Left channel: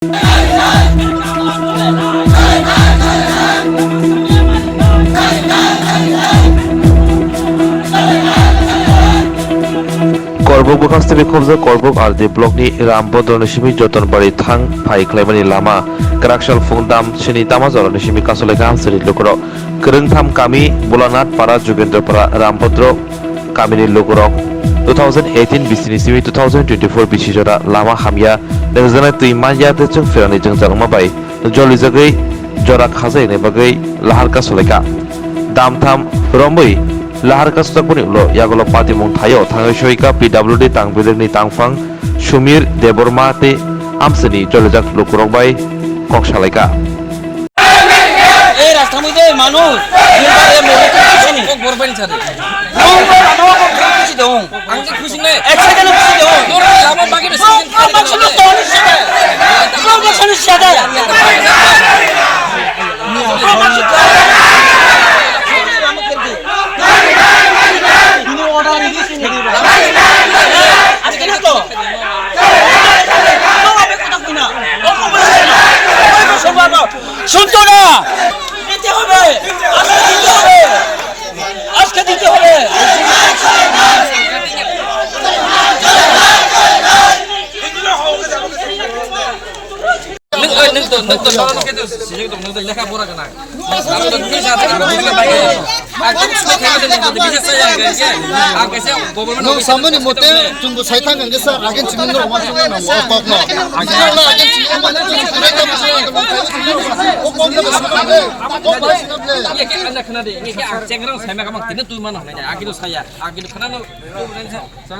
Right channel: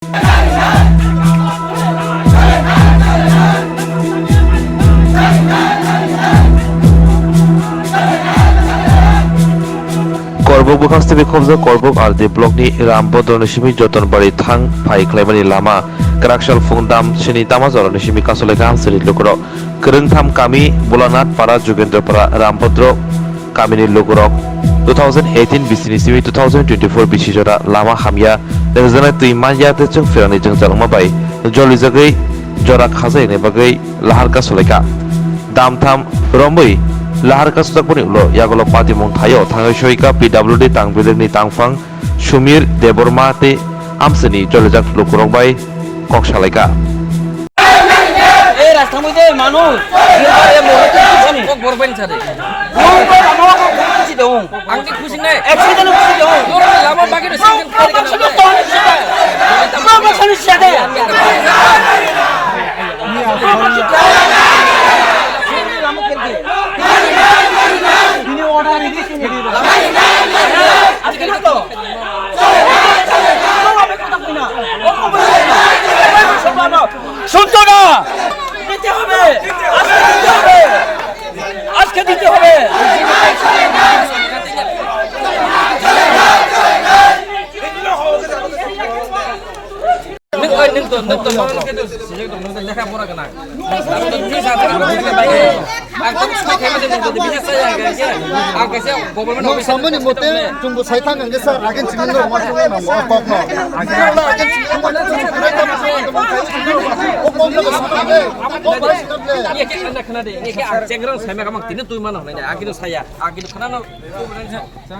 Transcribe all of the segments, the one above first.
Korbuk bukhastebe khobja Korbuk RD blockni Rambodroni simi Jotonbari thang phai khlaimani lama Karakshal Fungdam Shini Tamazoroni simi Kasoleka Amsri Lokoro Kerengtham kami Bulanat Para Jugendrapara Rambodro Kamini Lokorok 2018 bisini simi 2024 bisijora lama hamya nengzana tuimanya te chung ferani jeng jalangma bai joli jagai jora khazai ne bagai lahar kasoleka damtham romboi lahar kastakboni ulo yagolo pati mong thayo thangai shoika PWD tangbilerni tangfang Shumir Deborma te amsani jolejak lokorok bai koksalaika এই রাস্তার মধ্যে মানুষ নির্বাচনে মহিলা খুশি নেই গরবেন ছাড়ে খুশি দেও আংটি খুশি নেই অ্যাক্সিডেন্ট খুশি দেও তোর লাভ বাকি সিজন খালি না সমস্যা অনিশ্চিত সমস্যা অনিশ্চিত তিনি অর্ডার দিয়েছেন আজকে না তো তোমাকে কথা কই না ও খবর না ওই সব বাবা শুনতো না দিতে হবে আজকে দিতে হবে নতুন নতুন সিজন তো নতুন লেখা পড়া কেন আমরা তো দুই সাথে থেকে বাইরে একদম সুখে খেলে দেন তো বিশেষ জায়গা আছে আর कैसे गवर्नमेंट ऑफिस सामने मोते तुमको सैतान गंगे सर आगे चिमिंदर मार चुके ना वो पॉप ना अगला आगे चिमिंदर वो पॉप ना सामने वो बस नबले ये के अंदर खना दे ये के चेंगरन साइमा का मंग तीन तुई मान होने आगे तो साया आगे तो खना ना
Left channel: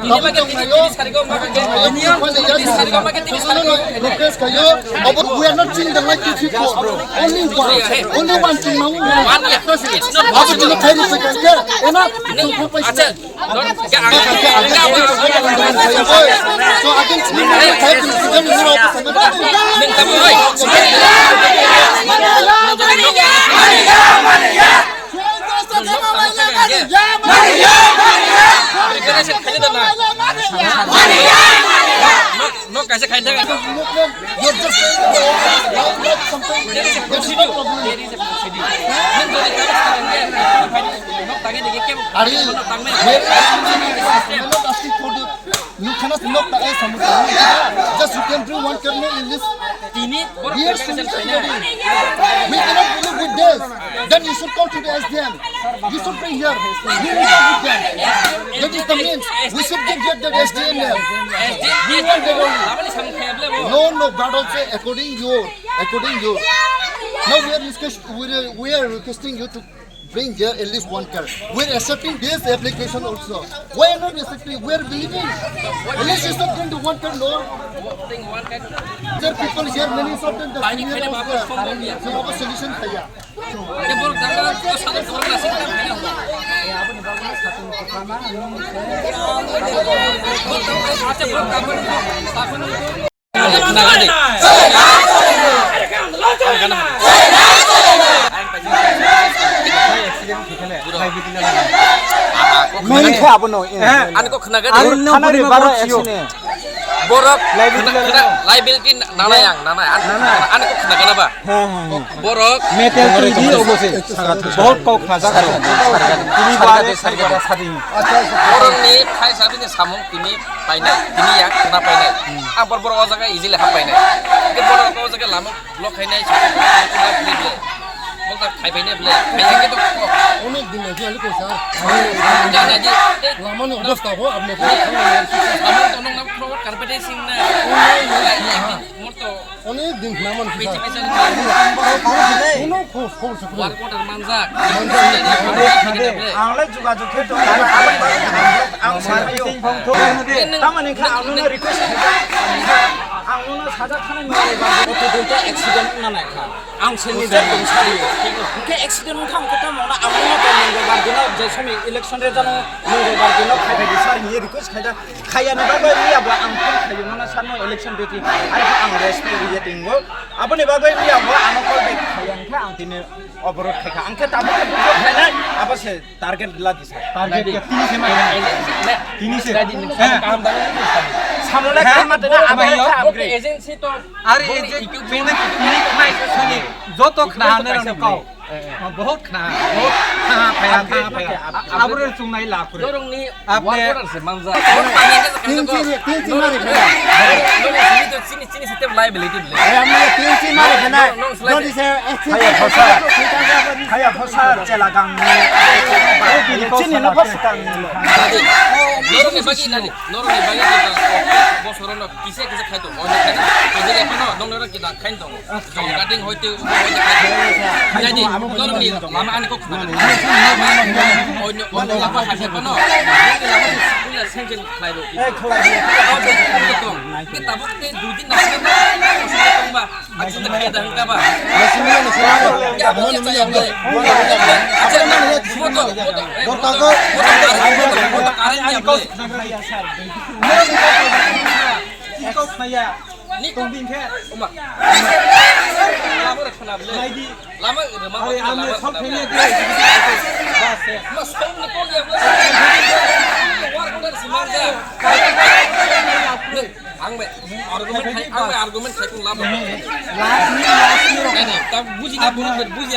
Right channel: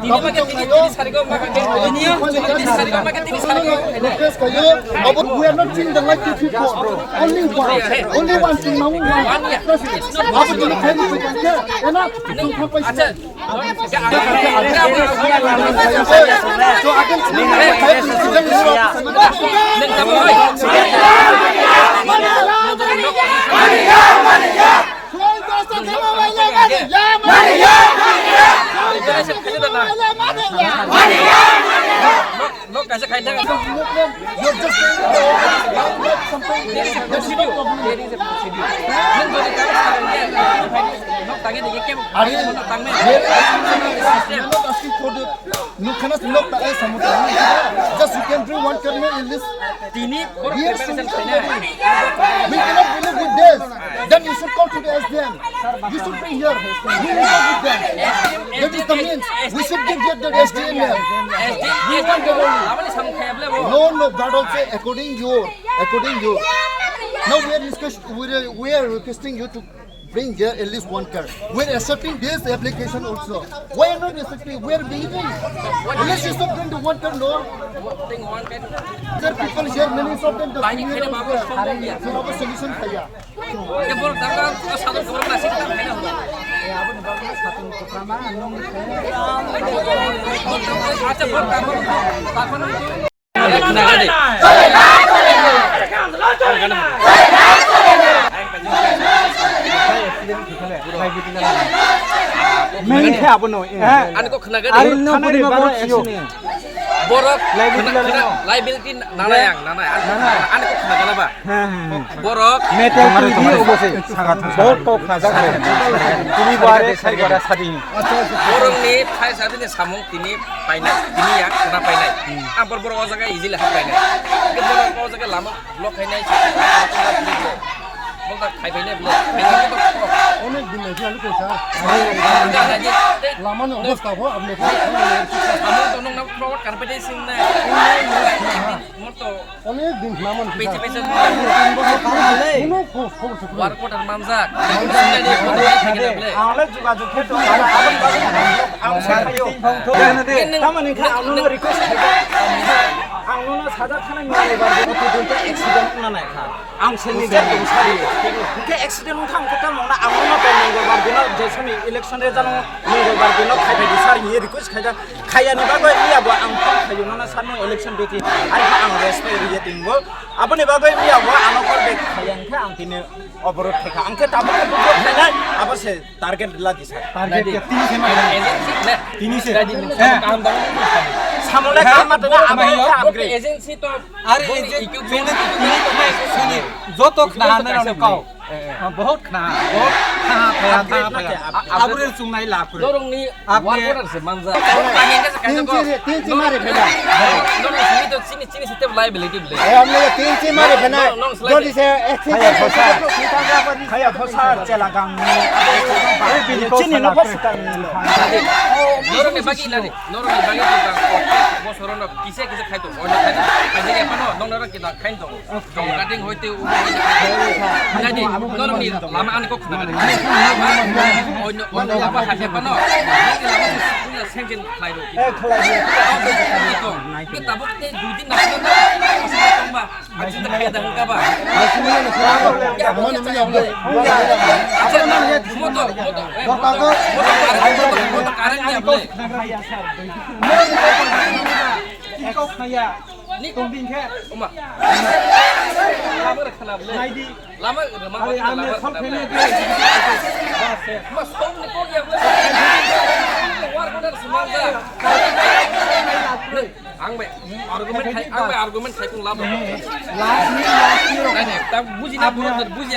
तीन में के तीन सारी को मार के तीन सारी को मार के तीन सारी को केस कयो अब we are not seeing the like before only one thing now one year it's not अब तो थैली पे करके है ना तुमको पैसा अच्छा क्या आगे तो आगे चिमिंदर थैली चिकन हीरो नंग कब होय प्रिपरेशन खाली ना नो कैसे खाइदा you're just saying like something that is not problem there is a procedure नंग जो काम करेंगे नो तागे देखिए क्या अरे तांग में I'm not asking for the you cannot knock the ice just you can bring one kernel in this तीनी years preparation to खाइदा we cannot believe with this then you should come to the SDM you should bring here we will not with them that is the means we should get the SDM here we want the आपने समझाया वो no but also according your now we are requesting you to bring here at least one car. We're accepting this application also. Why not accepting? We're believing. Unless you stop doing the one car, no. There are people here, many of them, the senior also. So our solution है या. ये बोल दंगा तो साधु खबर ना सीखता है ना होला अच्छा बोल कामन ताकन नागा दे Ano ko kena gadi? Borok liability nana yang nana ano ko kena gana ba? Borok metal TV obose बहुत को खाजा करे TV बारे साइ बारे सादी borok ni thai sabi ni samung tini painai tini yang kena painai ang borok o jaga easily ha painai ke borok o jaga lama block kainai kena pilih বলতা খাই পাইনে বলে খাইয়া কে তো অনেক দিন আগে আলু কোসা না না জি লামানো অবস্থা হো আপনি আমন তো নং না ফরওয়ার্ড কার্পেটে সিং না মোর তো অনেক দিন লামান পেছে পেছে কোনো খবর ওয়ার কোটার মানজাক आंले जुगाजुग थे तो आबन बाबन आं सायो थामानि खा आंनो रिक्वेस्ट आंनो साजा खानाय मावो बार गथ' एक्सिडेन्ट नानाय खा आं सेनि जे दंसारियो के एक्सिडेन्ट थां खोथा मावना आंनो मंगलबार दिनाव जे समय इलेक्शन रे जानो मंगलबार दिनाव खायबायदि सार हि रिक्वेस्ट खायदा खायानि बागै मियाबो आं फन खायो ना सानो इलेक्शन बेति आरो आं रेस्पेक्ट रिजेटिंगबो आबनि बागै मियाबो आनो कल बेक खायांखे आं दिने अबरोध खायखा आंखे दाबो खायनाय आबासे टारगेट ला दिसा टारगेट के 3 से मा 3 से काम दानो সামলে কামাতে না আমাইও এজেন্সি তো আর এই যে তুমি খাই শুনি যত খানা কাও বহুত খানা ফায়া আবরে চুংনাই লাভ করে দরংনি আপনি ওয়ার্ড আছে মানজা तीन ची मारे खाना দরং চিনি তো চিনি সিস্টেম লাইবিলিটি বলে हमने तीन ची मारे खाना जो दिसे খায়া ফসা চেলা গাং চিনি না ফসা নরমে বাকি না নরমে বাকি কিতা বছরন কিসে কিসে খাইতো অন্য খাই না যদি এখনো নংনর কিতা খাইন দং জং কাটিং হইতে উবো হইতে খাইতো নাইদি নরমনি লামা আনি কো খুনা অন্য অন্য লামা হাসে পানো লামা সুলা সেংকেন খাইরো কিতা kita bukti duit nak kita maksudnya tungba aja nak kita hengkap apa ya punya saya boleh aja nak foto karetnya boleh কও নাইয়া ni তংদিন খে oma lama nak kenapa boleh lama remang আরে আমি সব ফেলে দিয়ে বাস mas kau ni kau dia boleh war kau semangga angbe argument khai kung lama নাই নাই তা বুঝি না বুঝি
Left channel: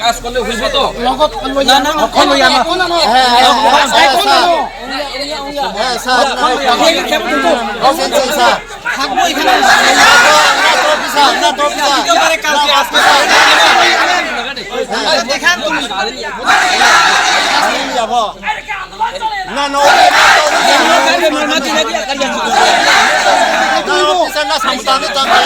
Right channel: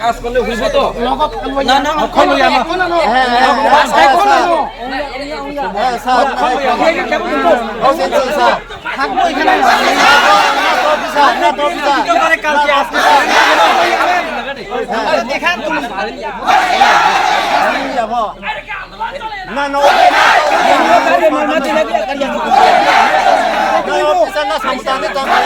কাজ করলে হইব তো না না খলো ইয়া না হ্যাঁ স্যার থাকবো এখানে না তো পিসা একেবারে কালকে আসতে দেখান তুমি যাব না না ওকে না তো পিসা না সামতানে তো আমরা